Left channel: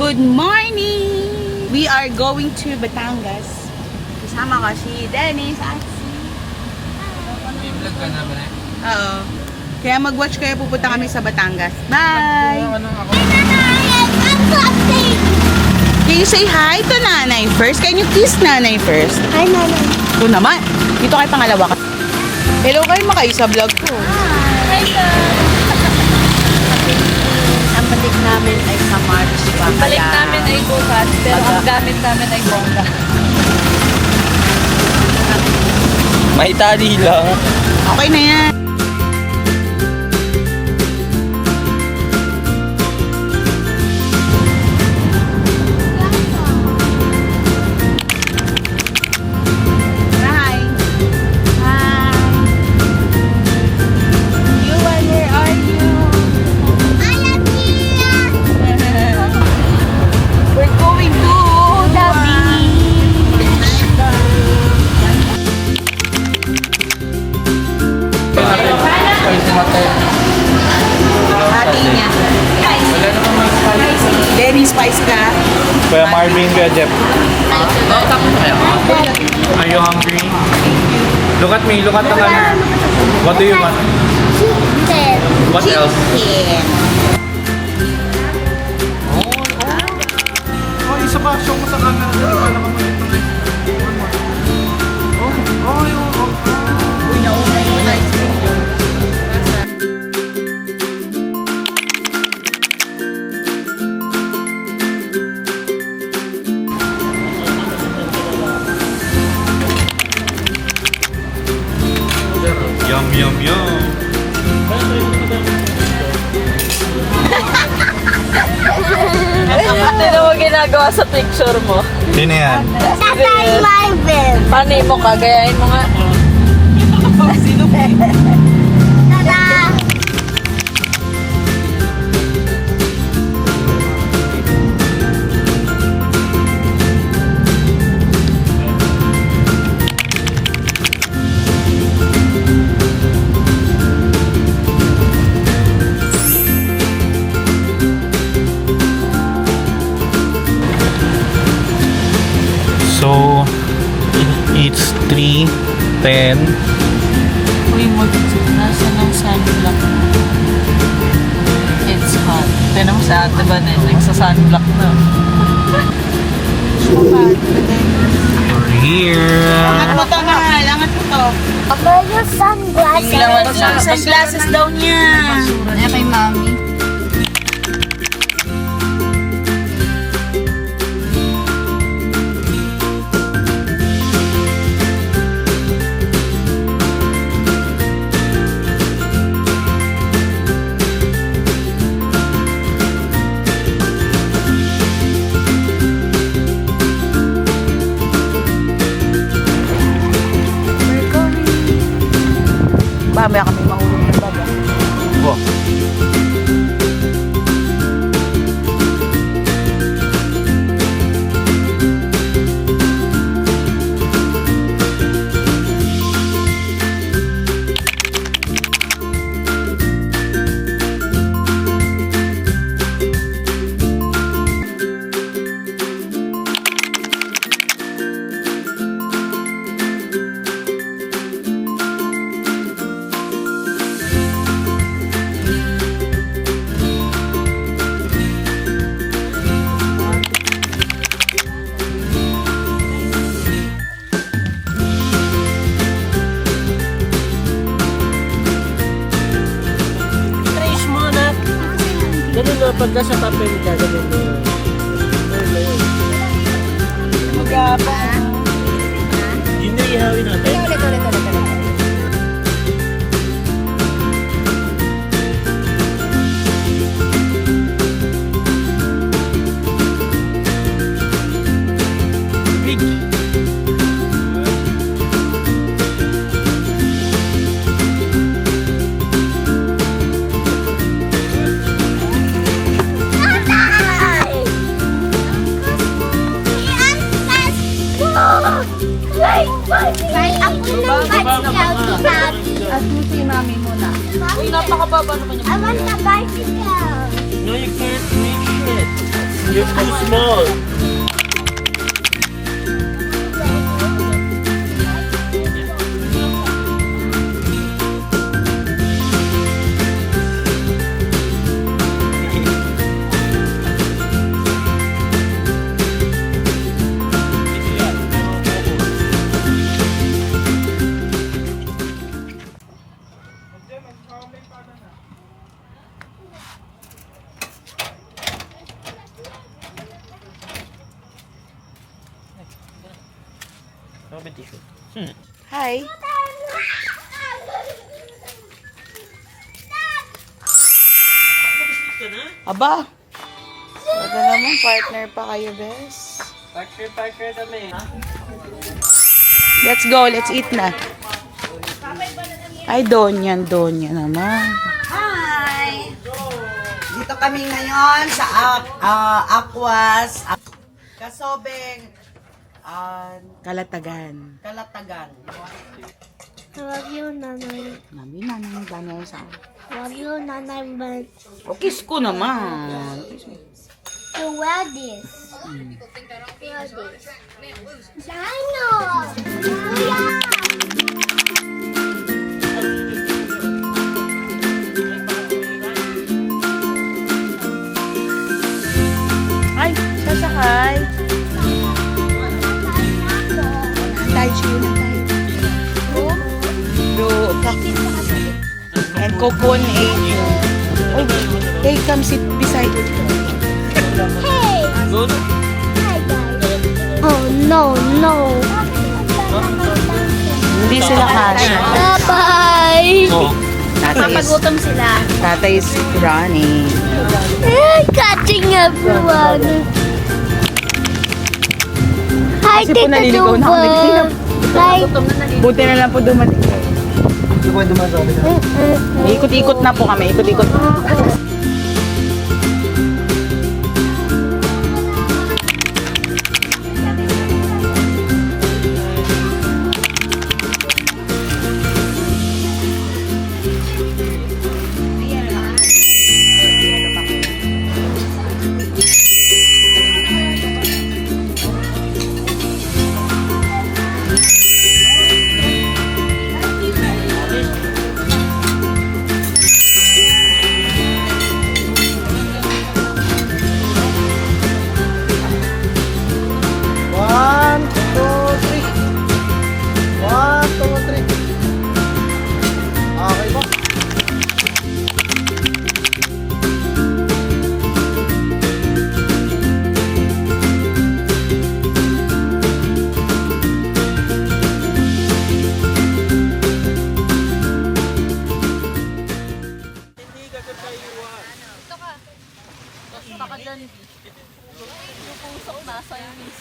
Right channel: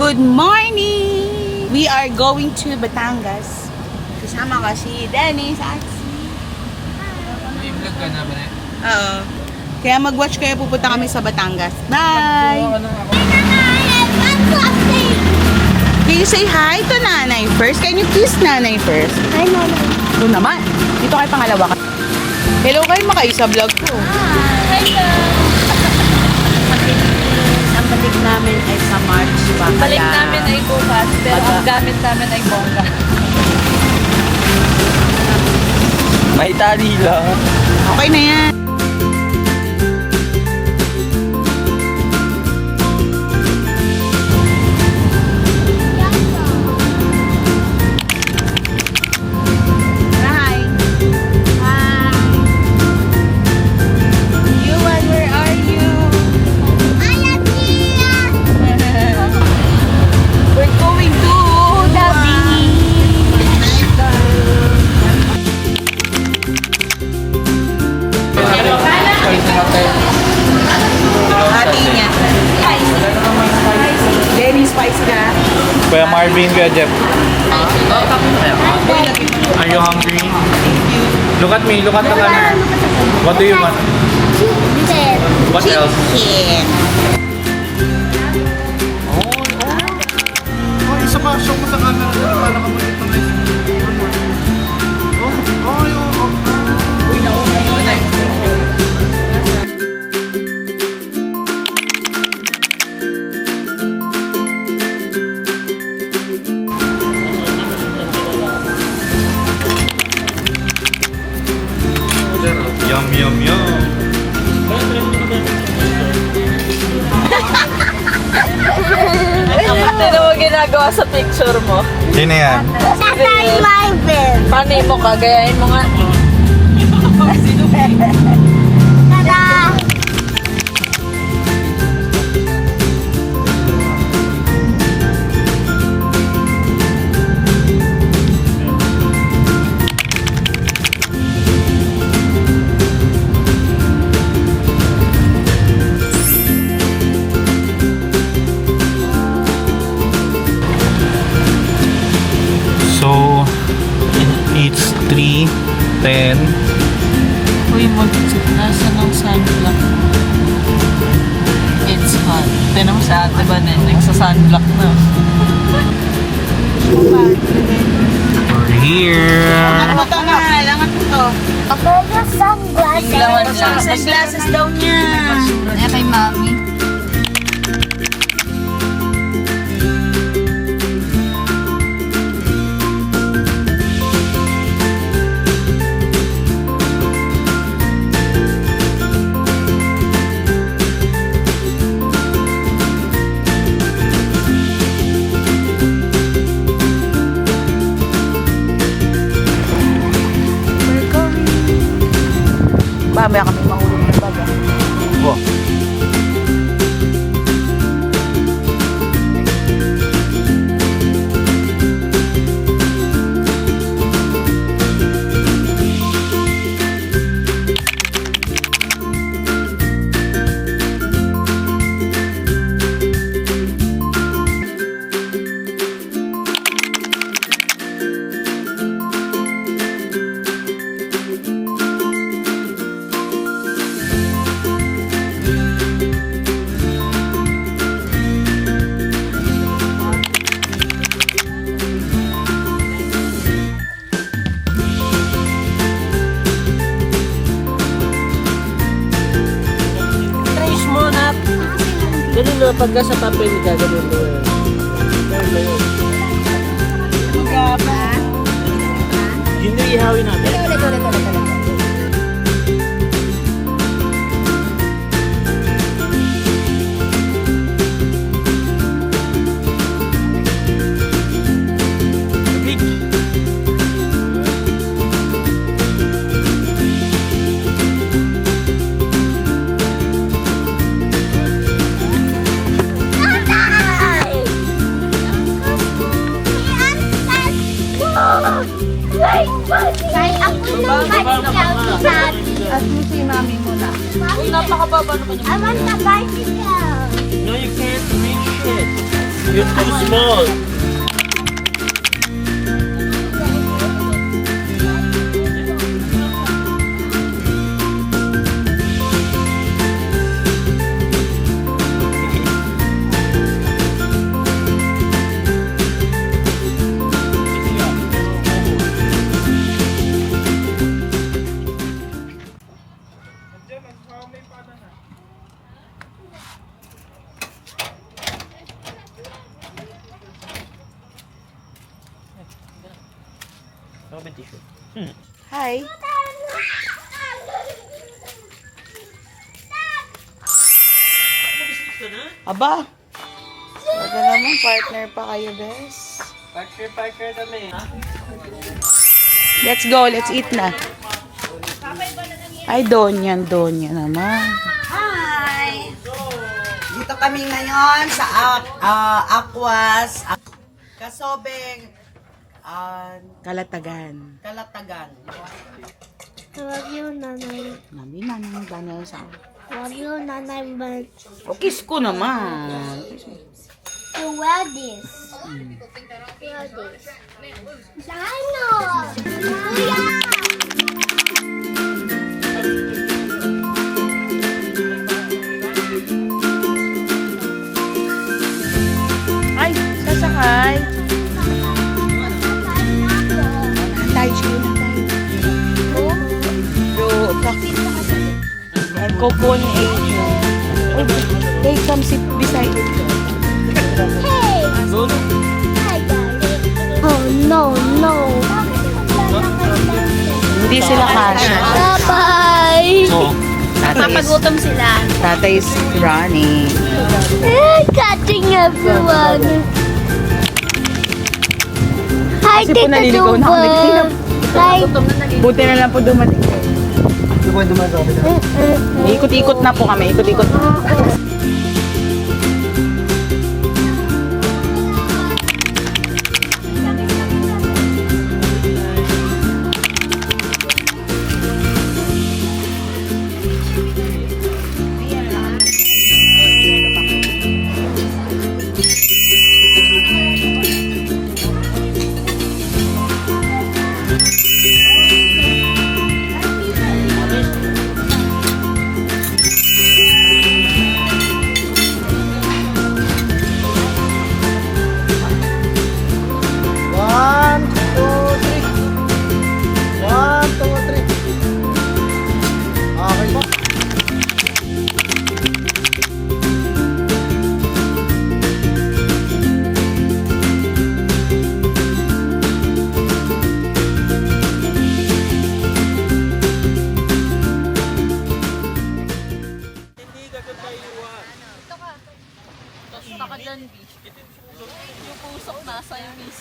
Good morning! We are going to Batangas. Kasama ko si Dennis at si... May vlog ka na ba na? Oo. Kaya mag-watch kayo, pupunta kami sa Batangas. Bye! Can you say hi to nanay first? Can you kiss nanay first? Hi, Mama. Oo naman. Dito kayo pangalawa ka. Hello kayo makayo sa vlog ko. Hi, ang balik namin ay sa March pa. Ang balik namin ay bukas, pero ang gamit namin ay bongga. May tali lang. Okay na yan. Hi. Hi. Yuan, where are you? I am here. We're going to the beach. Denny Spice na. Kuya Marvin, Kuya Jeff. Are you hungry? Look at me, look at the camera. What do you want? Chicken. What else? Oh, isa pa. Show mo sa camera. Hindi pa nakamagit na one more. Oh, yung... Yum, yum, yum. Sino mo ginagawa sa picture mo? Sino yan? Tatay Marvin. Panay mo ka, gayahin mo nga. Tada! So, it's 3:10. Uy, nasa ng sunblock. It's hot. Tinan mo sa ate ba na, nagsa-sunblock na. We're here. Ano to nga? Langat mo to. About your sunglasses. Tinglawan lang. Sunglasses daw niya. Kaya kay mami. Mamaya kami mahulog ng baga. Oh. Ganun na, pagka sa papel ka, ganun na. Ayun na yun. Yun na ihawin natin. Ulit. Big. At mo si mami muna. Uy, napakababa naman yung I want the bicycle. No, you can't reach it. You're too small. Hi. Aba. Baga naman, partner pa kayo, bes. Partner kami. Let's go, let's eat na. Ay, Donya naman. Hi! Dito kami ngayon sa Aquas, Kasobeng, Kalatagan. Kalatagan. Love you, Nanay. Mami na nang banay sa... Love you, Nanay, but O, kiss ko naman. Kiss mo. to wear this. Wear this. Dino! Ay, sasakay. Tayo siya na tayo. Bro, bakit? And coupon agent. Oh, they come sit beside. Hey! Hi, guys. Oh, no. Hindi sila kasha. Bye-bye! Papagutom sila. Tatay is running. Touching everyone. Hi, Kasi po Tita naliligaw na kami. Duba. Hi. Buti na lang po dumating. Ikot-ikot na po kami. Ikot-ikot na. One, two, three. One, two, three. Okay ba? Baka dyan, yung pusok nasa yung miss.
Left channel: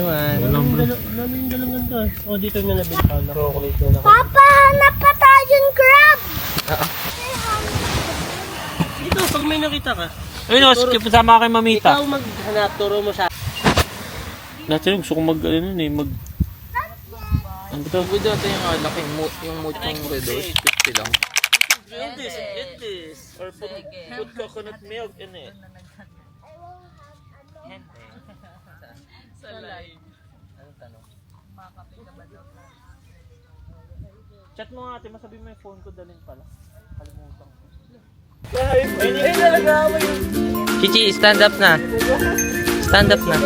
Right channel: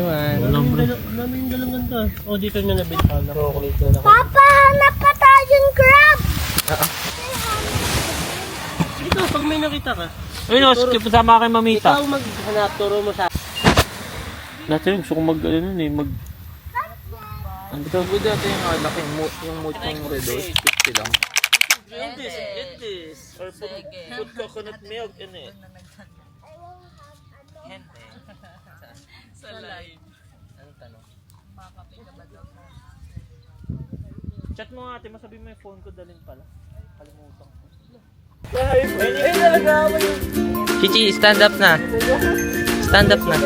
Walang galangan ka. O, di ka na nabita. Chocolate na. Papa, hanap pa tayong crab! Ito, pag may nakita ka. Ayun, skip sama kay Mamita. Ikaw maghanap, turo mo sa... Dati gusto ko mag, ano eh, mag... Ang ito? Hindi dati yung alak, yung mood yung redos, 50 lang. Eat this. Or put coconut milk in it. Chat mo nga ate, masabi mo yung phone ko dalhin pala. Kalimutan ko. Ay, talaga ako yung... Chichi, stand up na. Stand up na.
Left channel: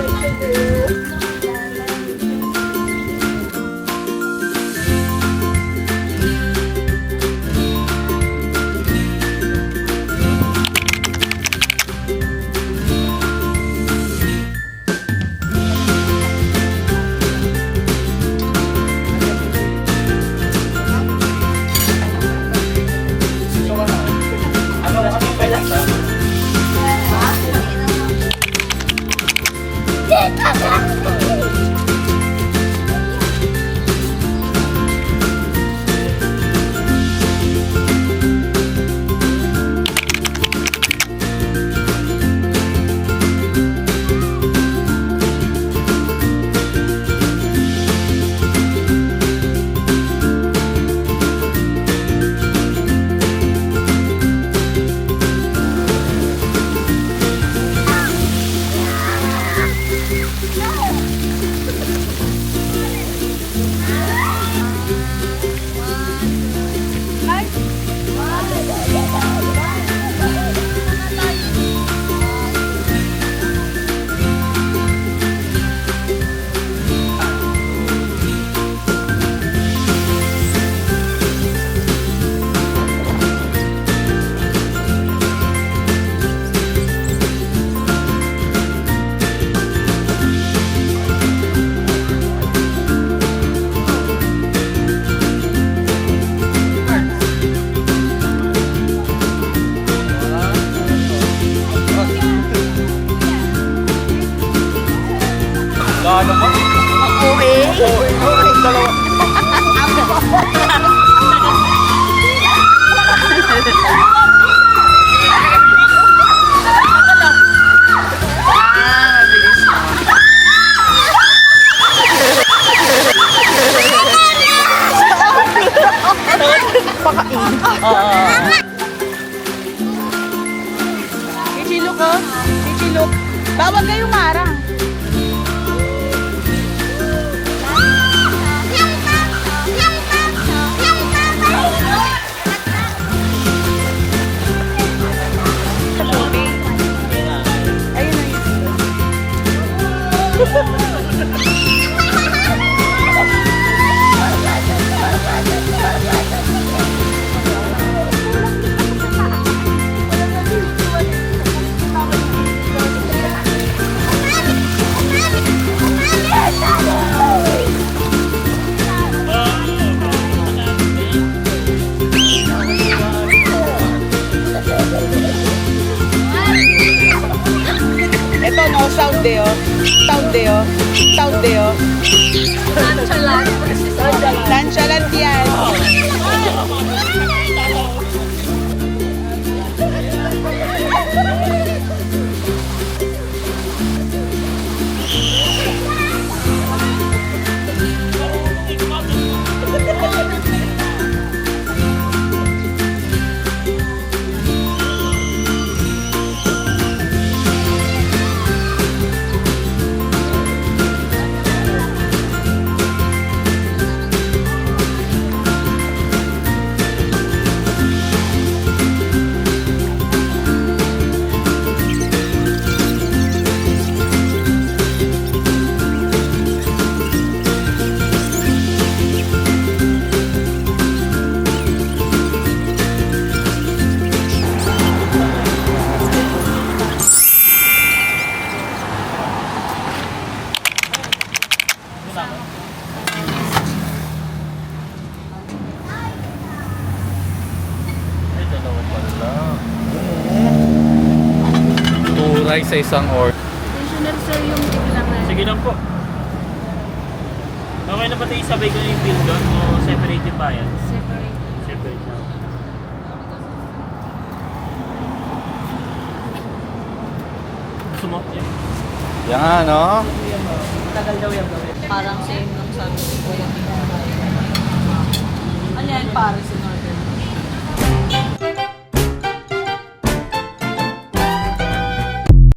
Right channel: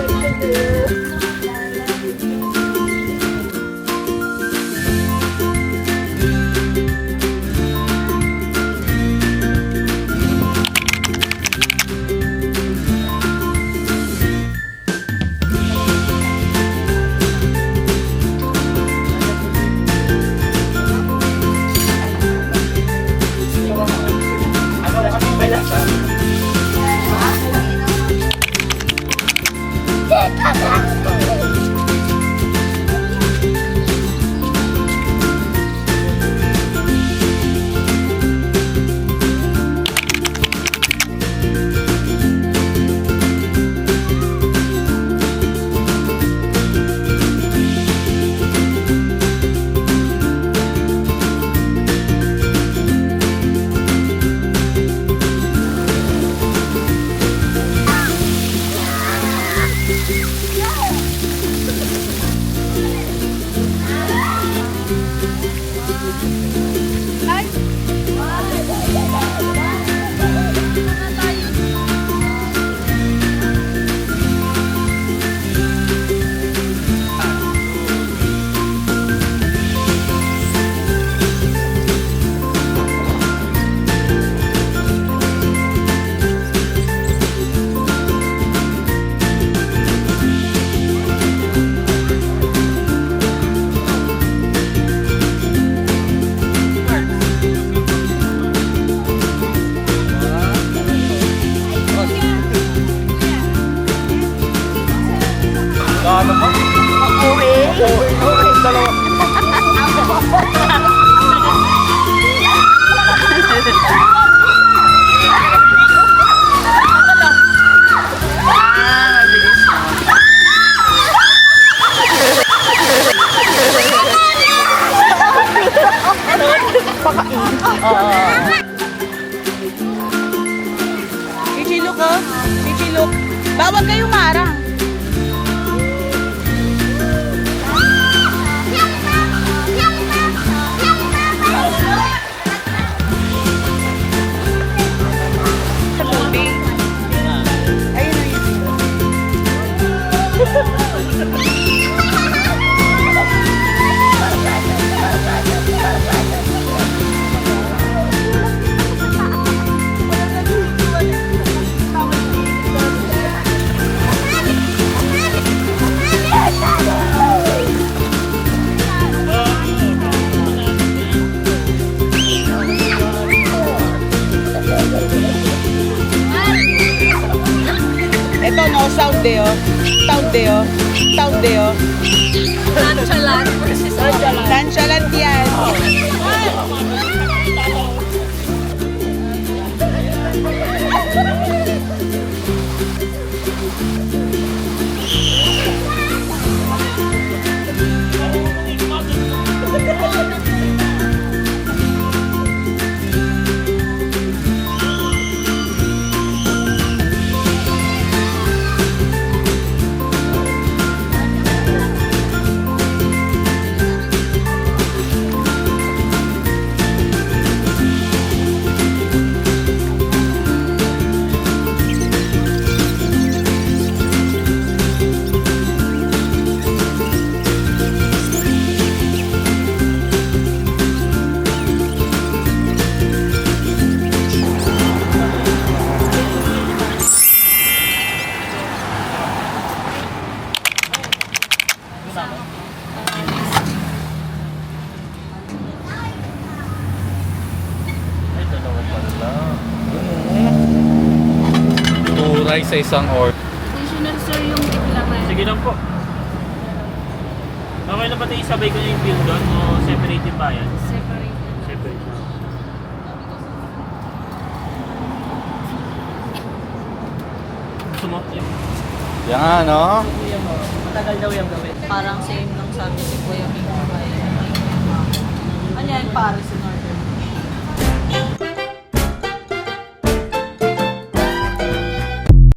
Tita, Chichilok oh. Chichilok. Bawag kayo marang. Ayun na yun. Ito no, sound deo. Sound deo. Sound deo. Nonchalant yan. Turay sa isang or. Additional sir yung naman. Sige lang po. Okay na ba tayo sabay ko na yung bill doon o separate yung bayan? Separate. Separate lang. Gusto mo? Yeah. Yan, no? Matagal daw yung gawin. Parang same lang sa akin. Ano yan, para sa